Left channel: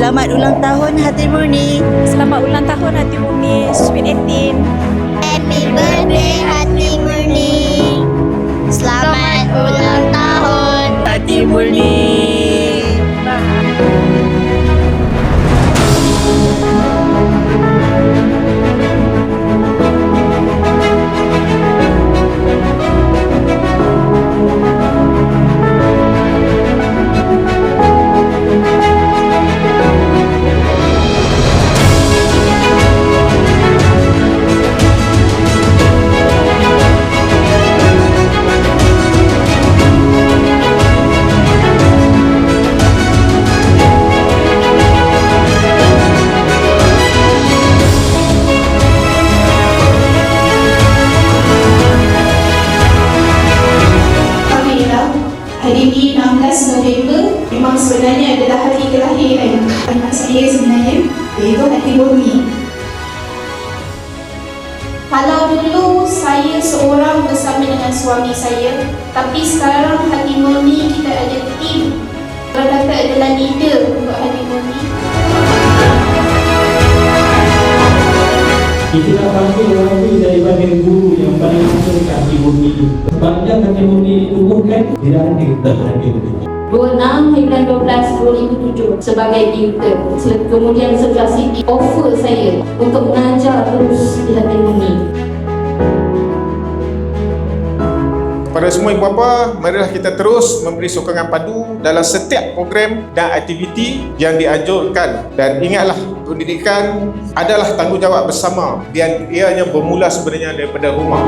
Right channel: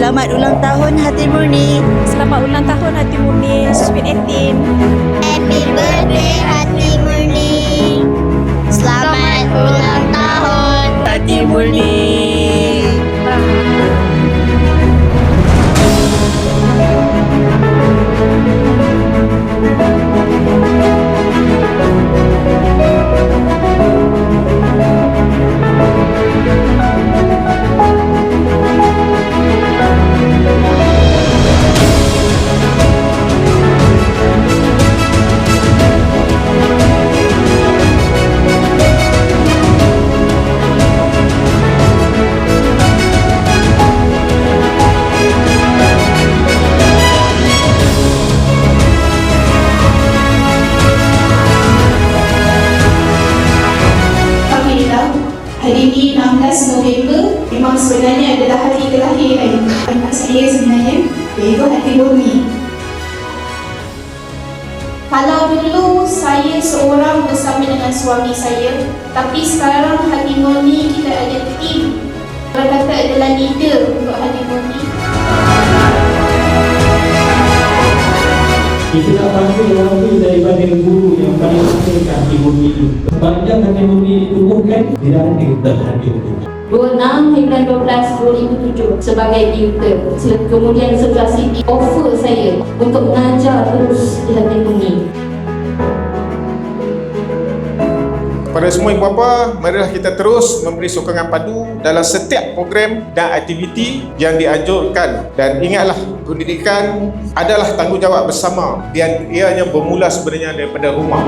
Selamat ulang tahun Hati Murni. Selamat ulang tahun Hati Murni Sweet 18. Happy birthday Hati Murni. Selamat ulang tahun Hati Murni. Hari ini 16 November memang sebenarnya adalah hari kelahiran anak saya sebenarnya, iaitu Hati Murni. Kalau dulu saya seorang bersama dengan suami saya, tapi sekarang Hati Murni kita ada tim. Orang kata adalah leader untuk Hati Murni. Kita nak panggil orang daripada guru yang paling utama dekat Hati Murni itu. Sepanjang Hati Murni ditumbuhkan, tidak ada terhadir. 26/12/2007 sebagai tutor. Kemudian 11 Siti offer saya untuk mengajar terus di Hati Murni. Kepada semua ibu bapa, marilah kita terus memberi sokongan padu dalam setiap program dan aktiviti yang dianjurkan. Dan ingatlah, pendidikan adalah tanggungjawab bersama dan ianya bermula sebenarnya daripada rumah.